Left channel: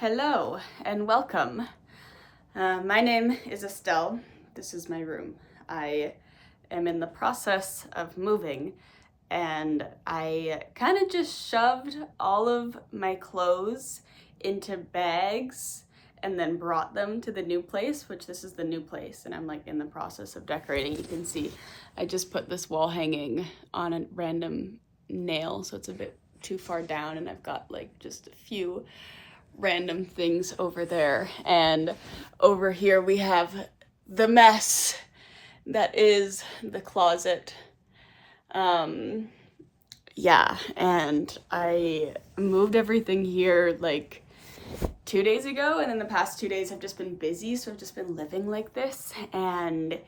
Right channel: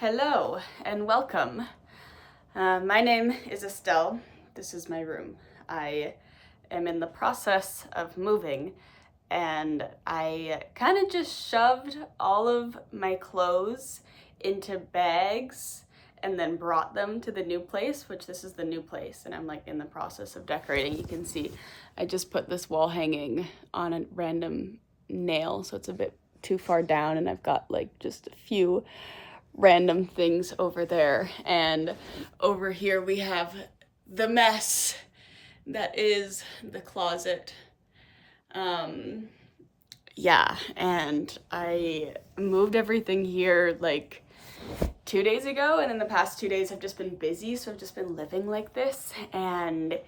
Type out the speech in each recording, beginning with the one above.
Hello and welcome. My name is Estelle. This is my room. I am in the process of moving and I kind of just shoved all of my clothes into bags and then brought them to the new place, which this is the new place, and I'm like in the process of decorating. You can see I just put this wall hanging on a random nail, so it's a bit too far down, and I've got like just a few random things over there. And over here we have the mess that is the closet. Yeah, and I moved everything here like 2 days ago, and in the past 2 days I've just been busy, so I've just been living like this, and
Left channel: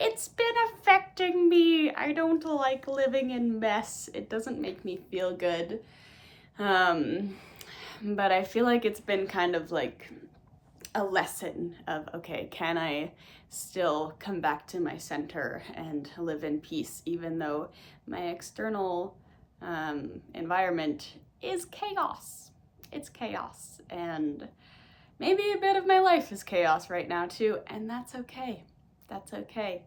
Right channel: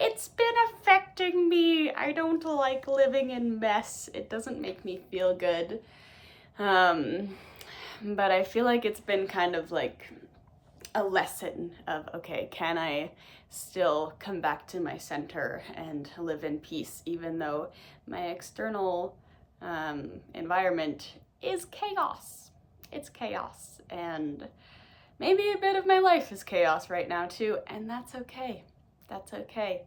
it's been affecting me. I don't like living in mess. It doesn't make me feel good. But I feel like it's been kind of like a lesson of, okay, can I still come back to my center and live in peace, even though my external environment is chaos. It's chaos, and maybe a bit of my life is chaos right now too, and that's okay. That's okay.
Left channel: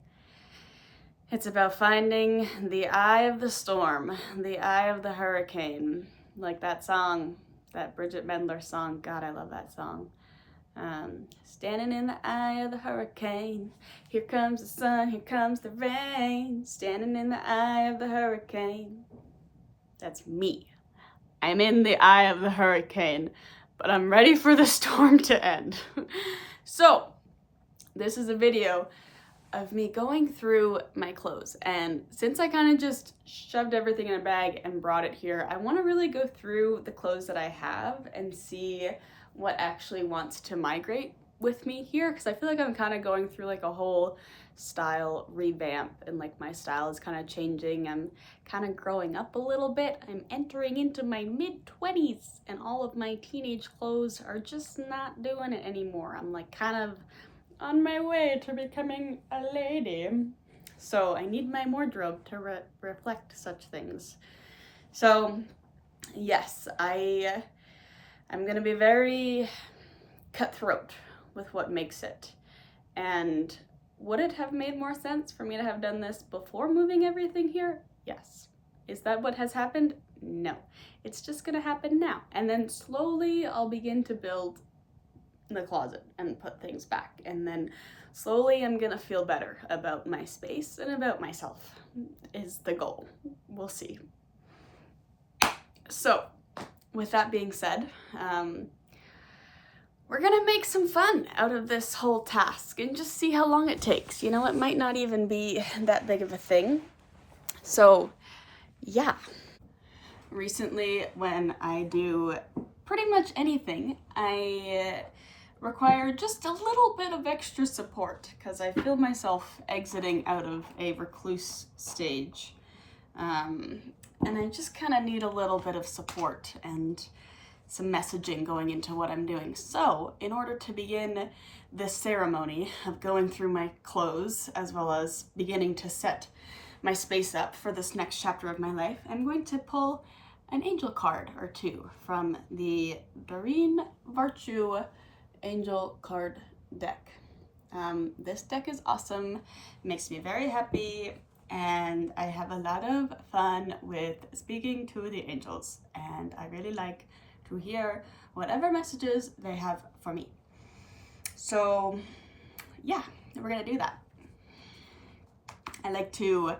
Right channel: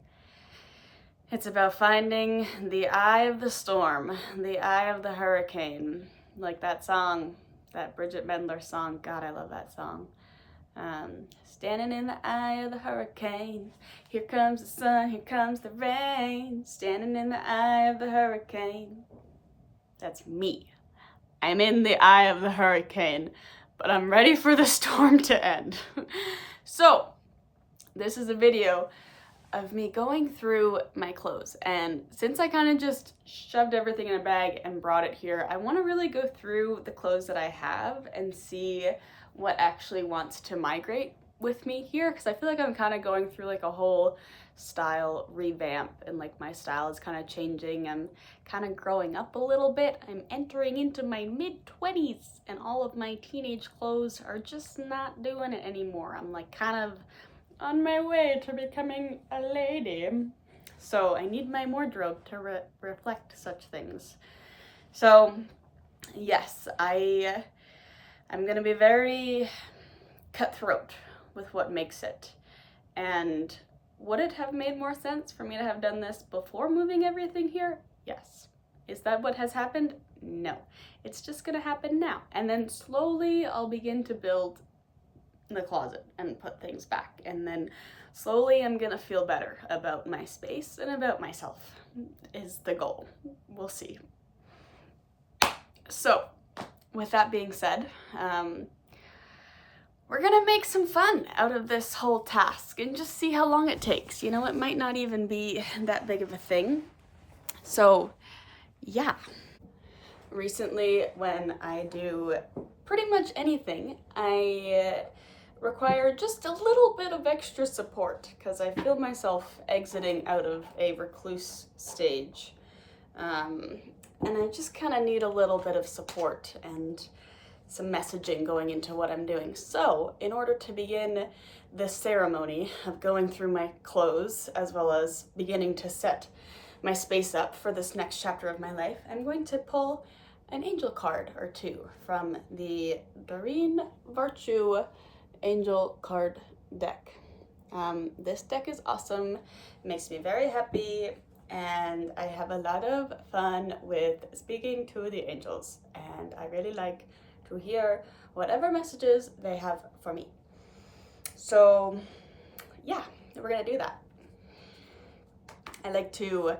It's about finding the eye of the storm, the eye of the hurricane, like that song, that Bridget Mendler song. God, I love that song. Standing in the eye of the hurricane, here comes the sun, here comes the rain. Standing in the eye of the hurricane. That's me. I'm in the eye of the hurricane, but I'm ready for the storm to end. So, this is a video of me going through my clothes, and since I kind of just shoved everything in a bag and brought it here, I want to really go through the clothes that I have and see what actually wants to migrate with me here, because I feel like I'm kind of going through like a whole style revamp, and like my style is kind of changing. I'm kind of growing up a little bit. I'm entering into my mid-20s, and all of my teenage clothes are just not doing it anymore. I'm like kind of on my way to becoming a lady. So I need my wardrobe to reflect such things. So yes, I'm gonna be very cutthroat with what makes it. And would it have made more sense for me to have done this before moving everything here? Yes. Is that what has happened? No. It's just gonna happen now. And then slowly I'll begin to build the closet and put things back, and then slowly I'm gonna feel better about my space and about myself is the goal. We'll see. So with that being said, we're gonna make some fun out of this whole task and just see how long it takes. You know, it might not even be that big of a thing. So yeah. Recently, when I do pretty much anything, I require just a little bit of extra support, because I feel myself exiting out of a recluse stage. And I just kind of need a little bit of support and some messaging going into what I'm doing. So in order to begin this ceremony of going through my clothes, as well as beginning to set my space up for this next chapter of my life, I'm going to pull an angel card or two from the Doreen Virtue angel card deck. This deck is awesome, makes me very happy, and I have a lot of fun with speaking to the angels, and I really like to hear whatever messages they have for me. So yeah, we're gonna do that. I like to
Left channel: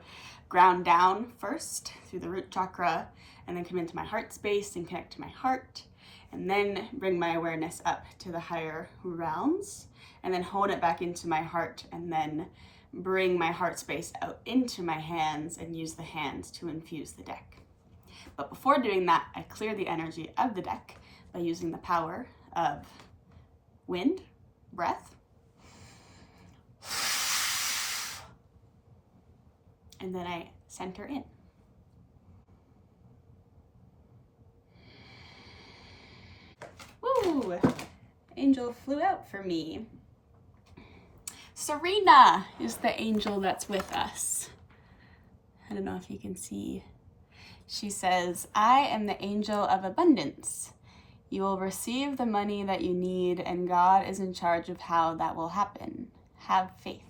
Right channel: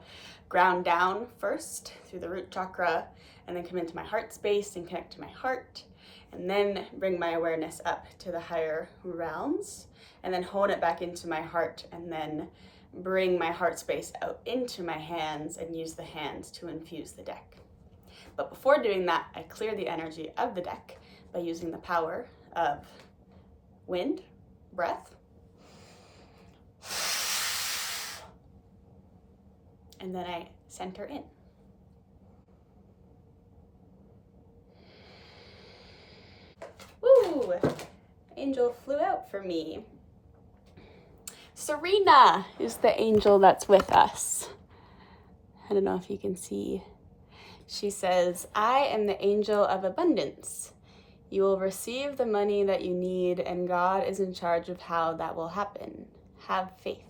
ground down first through the root chakra, and then come into my heart space and connect to my heart, and then bring my awareness up to the higher realms, and then hone it back into my heart, and then bring my heart space out into my hands and use the hands to infuse the deck. But before doing that, I clear the energy of the deck by using the power of wind, breath, and then I center in. Woo! Angel flew out for me. Serena is the angel that's with us. I don't know if you can see. She says, I am the angel of abundance. You will receive the money that you need, and God is in charge of how that will happen. Have faith.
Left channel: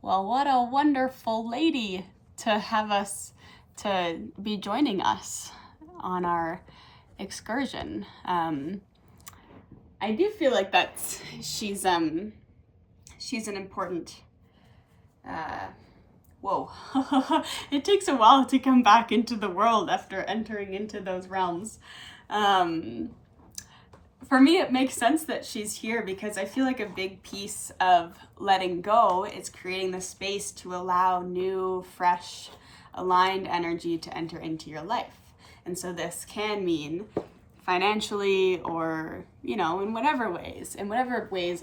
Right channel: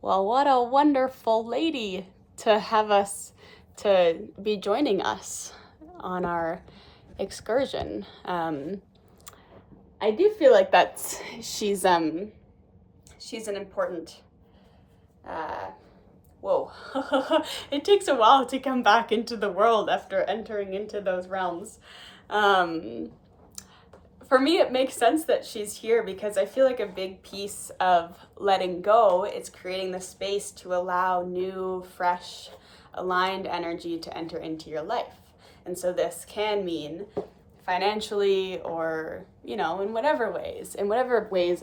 Well, what a wonderful lady to have us, to be joining us on our excursion. I do feel like she's an important, whoa. It takes a while to come back into the world after entering into those realms. For me, it makes sense that she's here because I feel like a big piece of letting go is creating the space to allow new, fresh, aligned energy to enter into your life. And so this can mean financially or, in whatever ways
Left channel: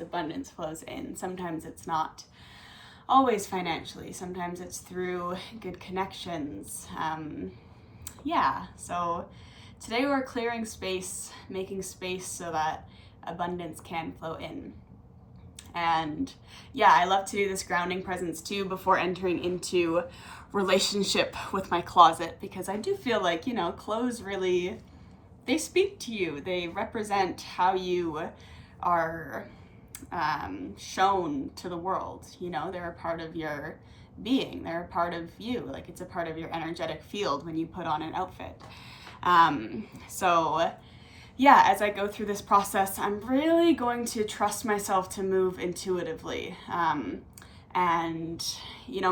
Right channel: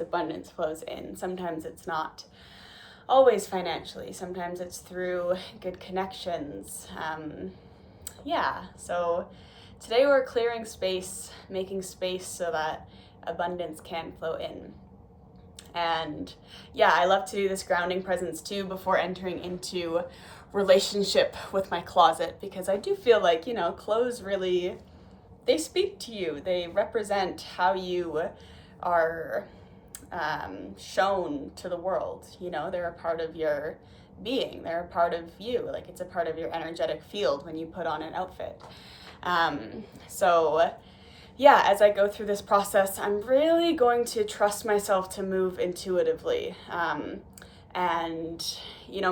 abundance flows in. Sometimes it's not always financially. Sometimes it's through good connections. So today we're clearing space, making space so that abundance can flow in. And I love to do this grounding presence too before entering into relationship with my closet, because I do feel like, clothes really, they speak to you. They represent how you are shown to the world. They're a part of your being. They're a part of you. Like, it's a part of your energetic field when you put on an outfit. As I go through this process, I'm really going to trust myself to move intuitively.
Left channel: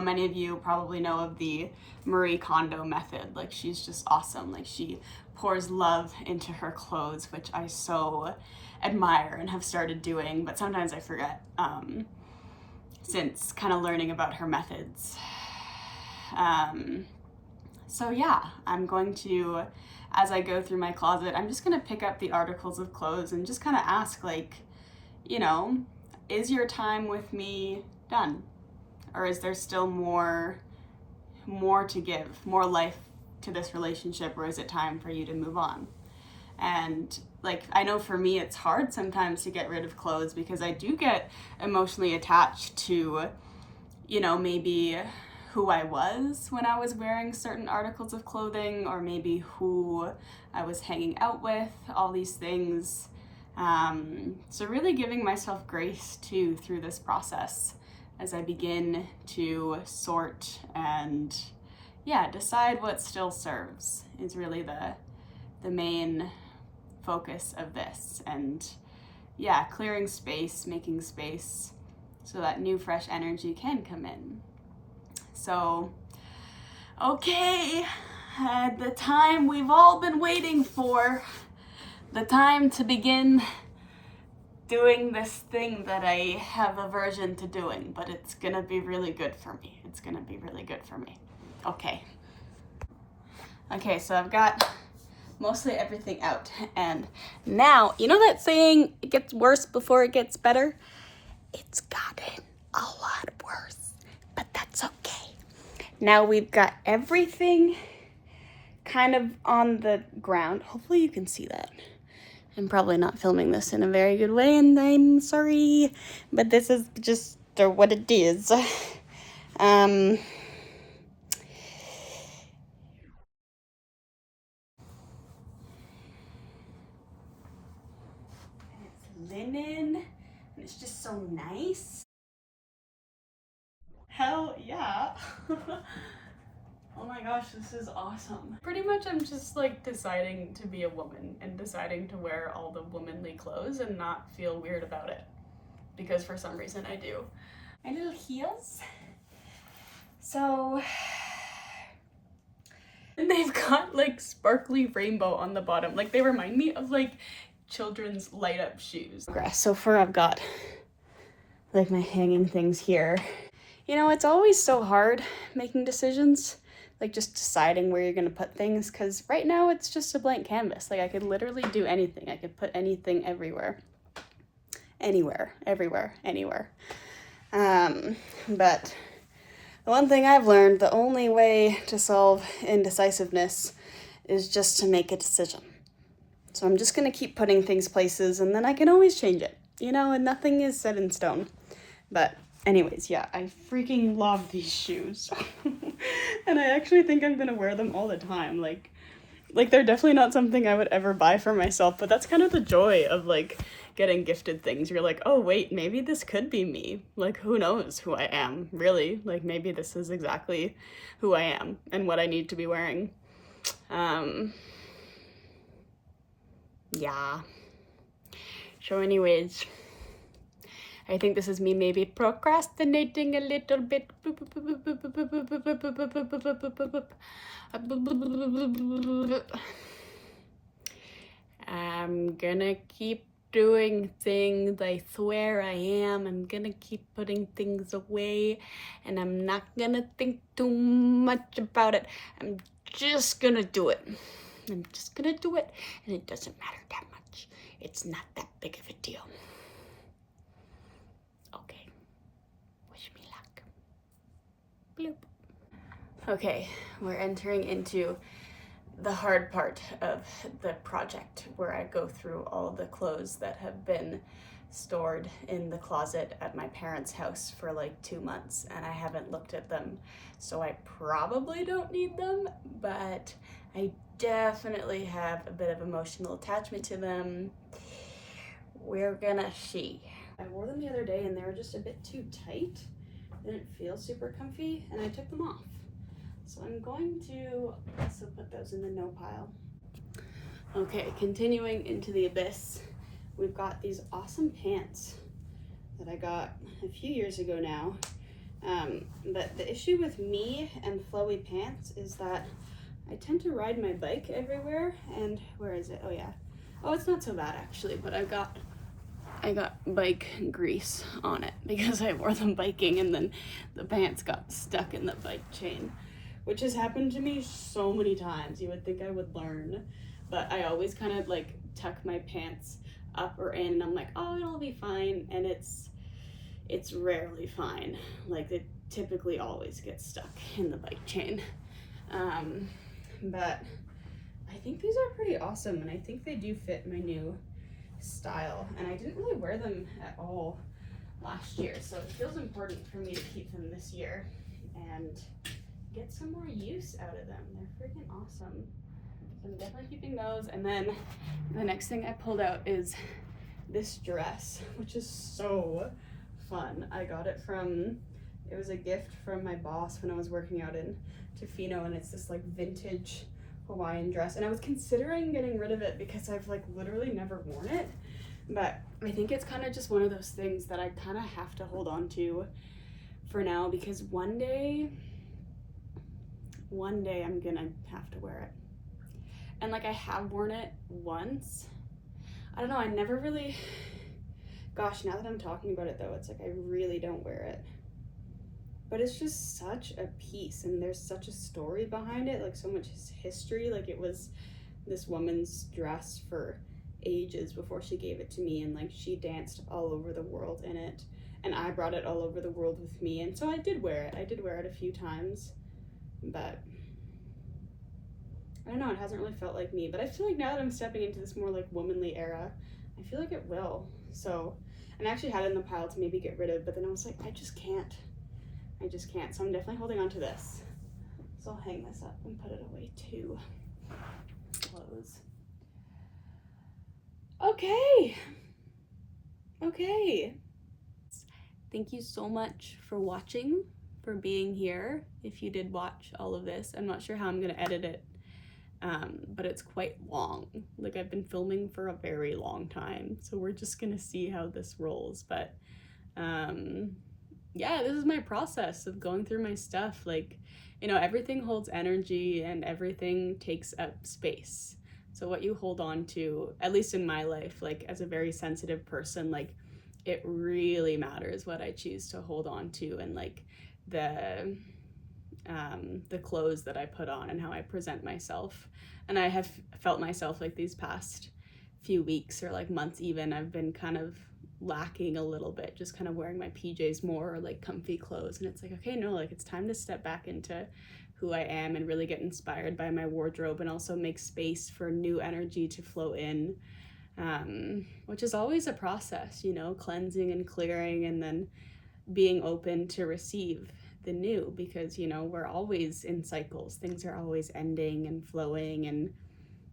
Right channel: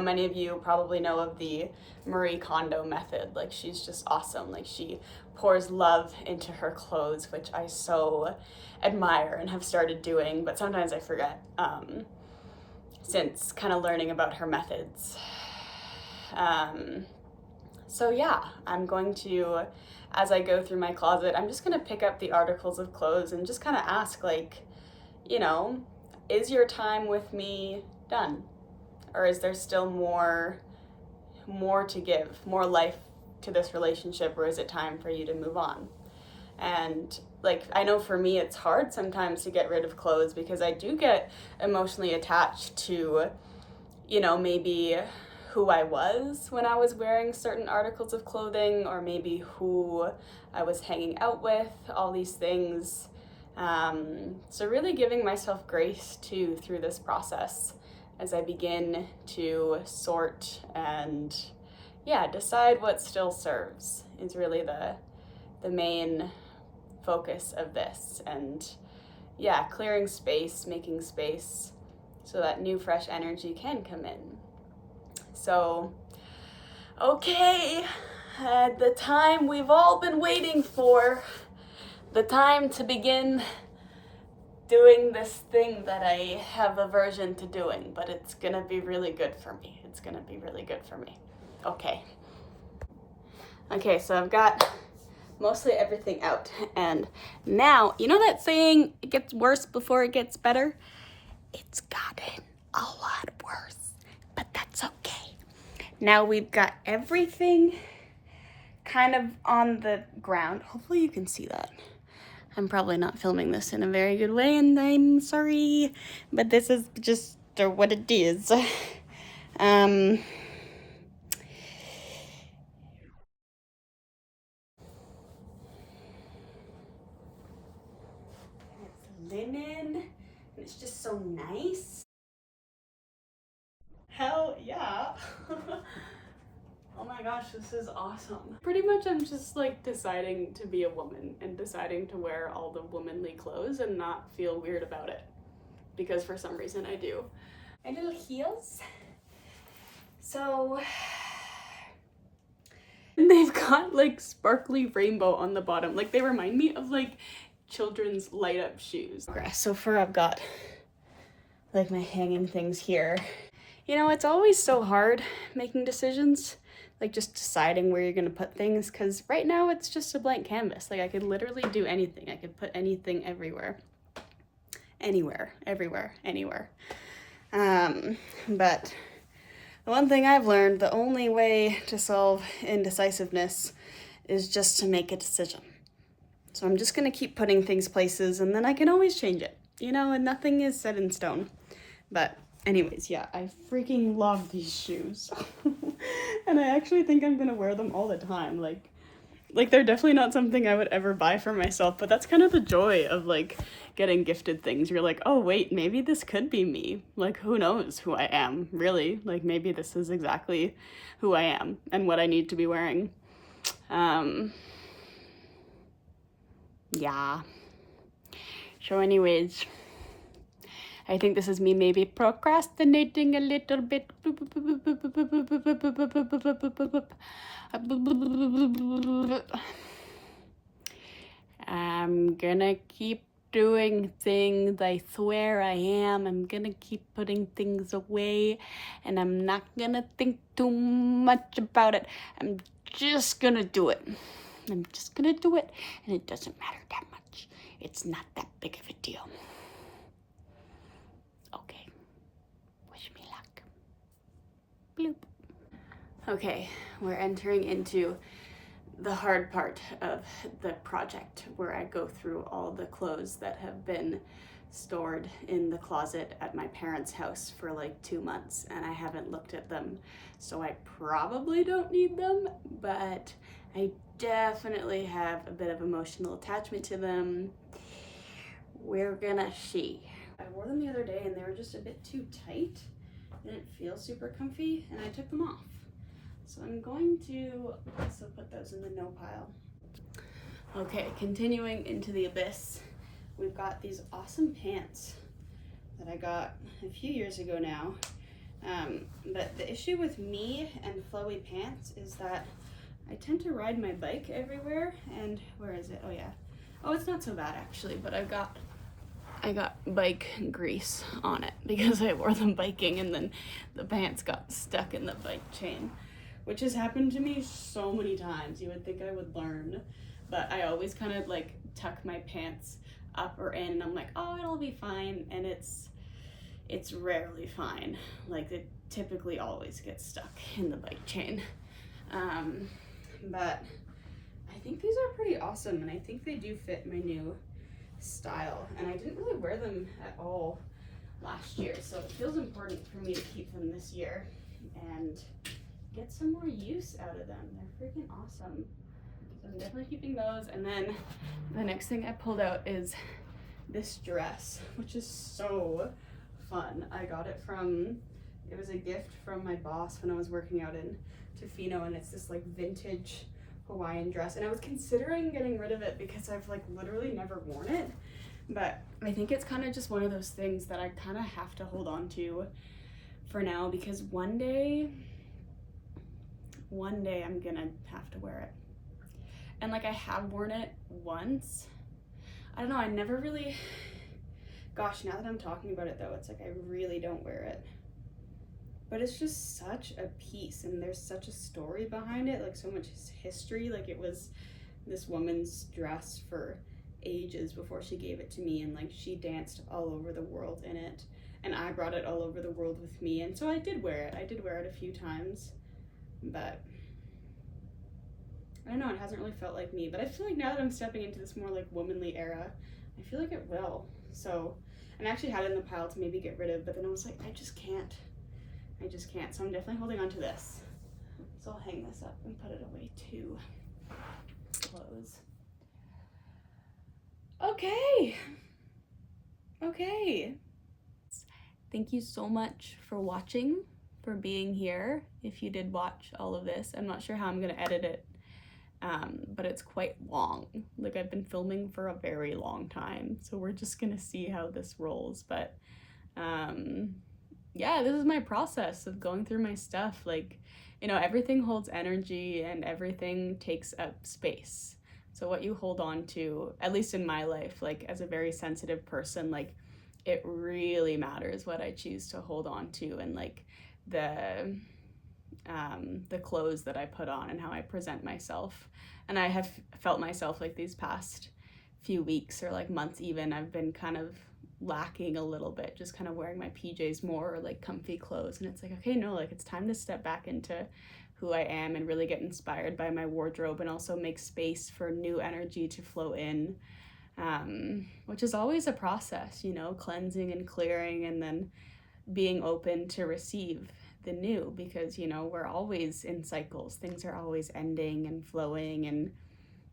Many of you probably know of the Marie Kondo method. Like, she's just awesome. Like, she pours love into her clothes, which I so admire and have started doing, but sometimes I forget, since kind of learning about her methods. I'm going to, as I go through my closet, I'm just going to pick up the articles of clothes and just kind of ask, is your time with me done? Or is there still more to give, more life to this relationship, or is it time for you to move on? And I know for me, it's hard sometimes to get rid of clothes because I do get emotionally attached to, maybe who I was when I was wearing certain articles of clothing, or maybe who I was hanging out with, all these things. So really giving myself grace too through this process as I begin to sort and decide what still serves is really the main focus of this. And clearing space, making space so that new fresh energy can come in. So, okay, the time we've all been waiting for, the time to begin doing this thing that I have aversion to doing, but it's gonna be really good for me. It's gonna be really good for me. Okay, so I've got mostly everything out, and now, that saying, it gets worse before it gets better? It's gotten a lot worse, but that's okay. Now we've got everything kind of on the ground. Hopefully you can see that. I'm probably not filming this in a very good way, and I'm sorry, but this is just what it is. It's linen, and it's just so nice. Hell yeah. Oh my gosh, this is awesome. Pretty much I'm just deciding to be a woman and deciding to wear all the womanly clothes and not feel weird about it, because for some reason I do. My little heels. So, and they've got sparkly rainbow on the bottom. They remind me of children's light up shoes. So far I've got my hanging things here. It's always so hard making decisions, just deciding where you're gonna put things, because right now it's just a blank canvas. I could literally do anything. I could put anything everywhere. Anywhere, everywhere, anywhere. But the one thing I've learned, the only way to solve indecisiveness is just to make a decision. So I'm just gonna keep putting things places, and then I can always change it, and nothing is set in stone. But anyways, I freaking love these shoes. And I actually think I'm gonna wear them all the time. Like, they're definitely not something I would ever buy for myself, but that's kind of the joy of, like, getting gifted things. You're like, oh, wait, maybe this could be me. Like, who knows who I am, really? Like, maybe this is exactly who I am and what I need to be wearing. Yeah. So anyways, I think this is me maybe procrastinating a little bit. I'm gonna keep doing things. I swear I am. I'm gonna keep putting things away, and I'm not gonna think too much about it. I'm just gonna do it. I'm just gonna do it, and it doesn't matter that much. It's not that big of a deal. Okay. Wish me luck. Bloop. Okay, we're entering into the hard part of the project, where I go through all the clothes that have been stored in the closet at my parents' house for like 2 months, and I haven't looked at them, so I probably don't need them, but I definitely have a bit of emotional attachment to them. We're gonna see. I wore them the other day and they were just a bit too tight. They didn't feel super comfy, and I took them off. So I'm going to also put those in the no pile. Okay, continuing into the abyss, we've got these awesome pants that I got a few years ago now. But the issue with me and flowy pants is that I tend to ride my bike everywhere, and where is it? Oh yeah. Oh, it's not so bad actually, but I got bike grease on it because I wore them biking and then the pants got stuck in the bike chain, which has happened to me so many times. You would think I would learn, but I always kind of like tuck my pants up or in, and I'm like, oh, it'll be fine, and it's rarely fine. Like, it typically always gets stuck in the bike chain. But I think these are pretty awesome, and I think they do fit my new style, and I didn't really wear them at all last year, so it feels important for me to keep them this year and get some more use out of them. They're freaking awesome. So I'm definitely keeping those. And then the next thing I pulled out is this dress, which is so fun. I got it it was a gift from my boss when I was working out in Tofino, and it's this like vintage Hawaiian dress, and I was considering getting rid of it because I've like literally never worn it, but I think it's kind of just one of those things that I kind of have to hold on to for now, because one day I'm gonna have to wear it. And like, I have worn it once. I don't know, I never really, gosh, now that I'm talking about it though, it's like I really don't wear it. But it's just such a piece, and there's such a story behind it, like so much history. Like, it was this woman's dress for ages before she gave it to me, and like she danced all over the world in it, and I brought it all over the world with me, and so I did wear it. I did wear it a few times, but I don't know, it hasn't really felt like me. But I feel like now that I'm stepping into this more like womanly era, I feel like it will. So, and I actually had it in the pile to maybe get rid of, but then I was like, I just can't. So I'm definitely holding on to this. So I'll hang this up and put it away too. Close. Okay. Thank you so much for watching, for being here. If you did watch all of this, I'm not sure how I'm gonna edit it, but it's quite long. Like, I've been filming for a very long time, so we're just gonna see how this rolls. But yeah, this is my process of going through my stuff. Like, you know, everything holds energy and everything takes up space. So what you hold on to, at least in my life, like as a very sensitive person, like it really matters what I choose to hold on to, and like the clothes that I put on and how I present myself. And I have felt myself like these past few weeks or like months even, I've been kind of lacking a little bit, just kind of wearing my PJs more, or like comfy clothes, and it's like, okay, no, like it's time to step back into who I am and really get inspired by my wardrobe, and also make space for new energy to flow in, which is always a process, you know, cleansing and clearing, and then being open to receive the new, because, you know, we're always in cycles, things are always ending and flowing, and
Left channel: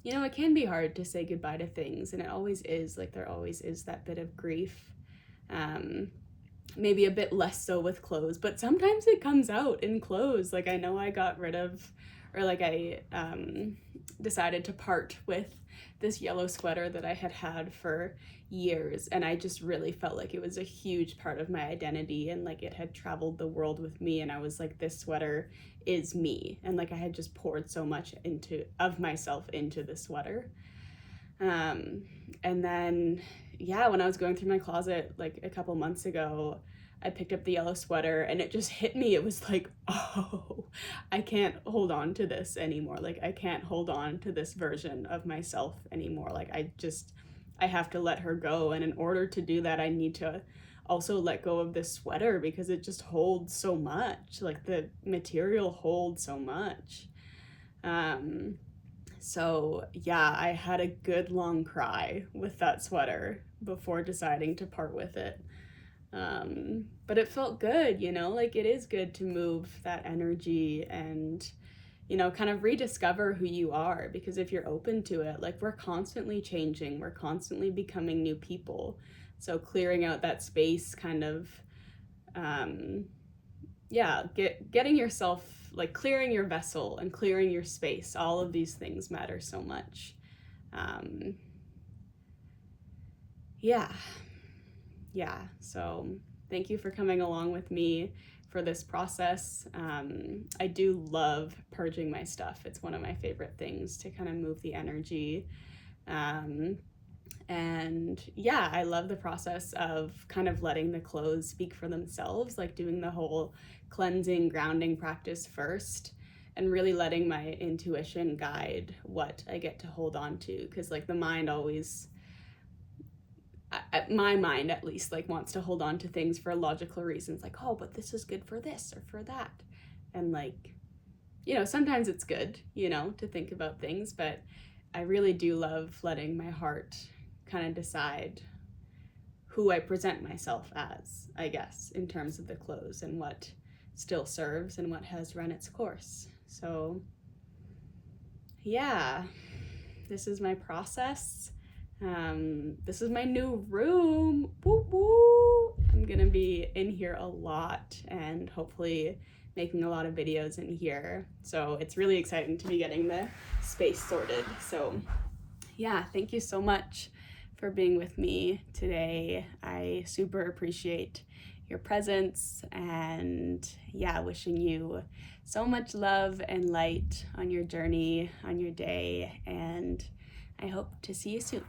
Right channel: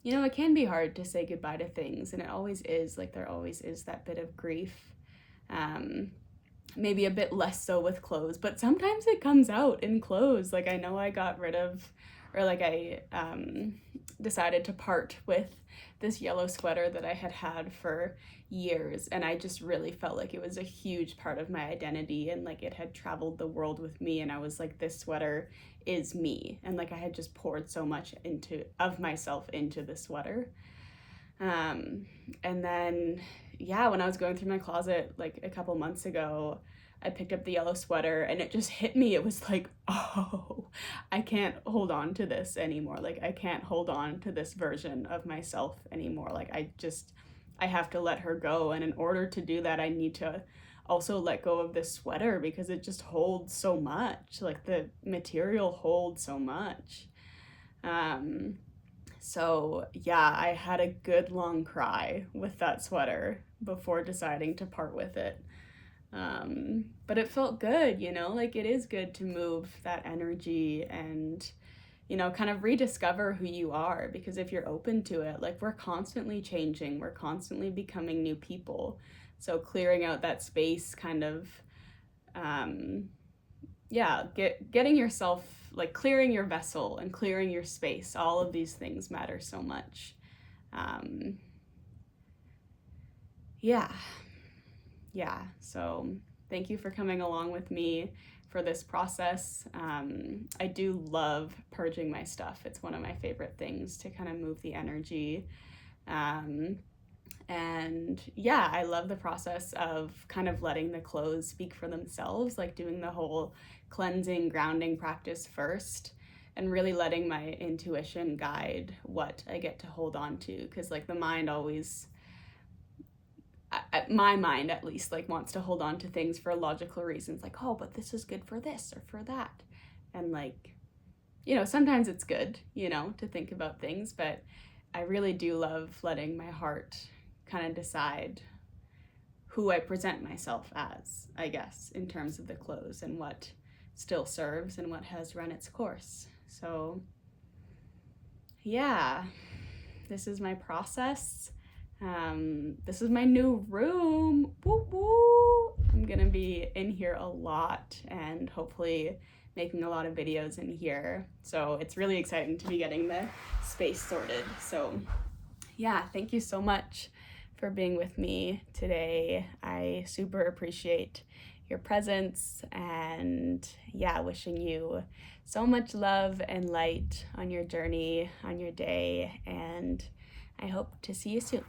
you know, it can be hard to say goodbye to things, and it always is. Like, there always is that bit of grief. Maybe a bit less so with clothes, but sometimes it comes out in clothes. Like, I know I got rid of, or like I decided to part with this yellow sweater that I had for years, and I just really felt like it was a huge part of my identity, and like it had traveled the world with me, and I was like, this sweater is me, and like I had just poured so much of myself into the sweater. And then, yeah, when I was going through my closet like a couple months ago, I picked up the yellow sweater and it just hit me. It was like, oh, I can't hold on to this anymore. Like, I can't hold on to this version of myself anymore. Like, I have to let her go. And in order to do that, I need to also let go of this sweater because it just holds so much. Like, the material holds so much. So yeah, I had a good long cry with that sweater before deciding to part with it. But it felt good, you know, like it is good to move that energy and, you know, kind of rediscover who you are, because if you're open to it, like we're constantly changing, we're constantly becoming new people. So clearing out that space kind of, getting yourself, like clearing your vessel and clearing your space, all of these things matter so much. So thank you for coming along with me for this process. I do love purging my stuff. It's one of my favorite things to kind of move the energy. And yeah, I love the process of kind of letting the clothes speak for themselves, like doing the whole cleansing, grounding practice first, and really letting my intuition guide what I get to hold on to. Because like the mind always, my mind at least, like wants to hold on to things for logical reasons, like, oh, but this is good for this or for that. And like, you know, sometimes it's good, you know, to think about things, but I really do love letting my heart kind of decide who I present myself as, I guess, in terms of the clothes and what still serves and what has run its course. So yeah, this is my process. This is my new room. Woo woo! I'm gonna be in here a lot and hopefully making a lot of videos in here. So it's really exciting to be getting the space sorted. So yeah, thank you so much for being with me today. I super appreciate your presence, and yeah, wishing you so much love and light on your journey, on your day, and I hope to see you soon.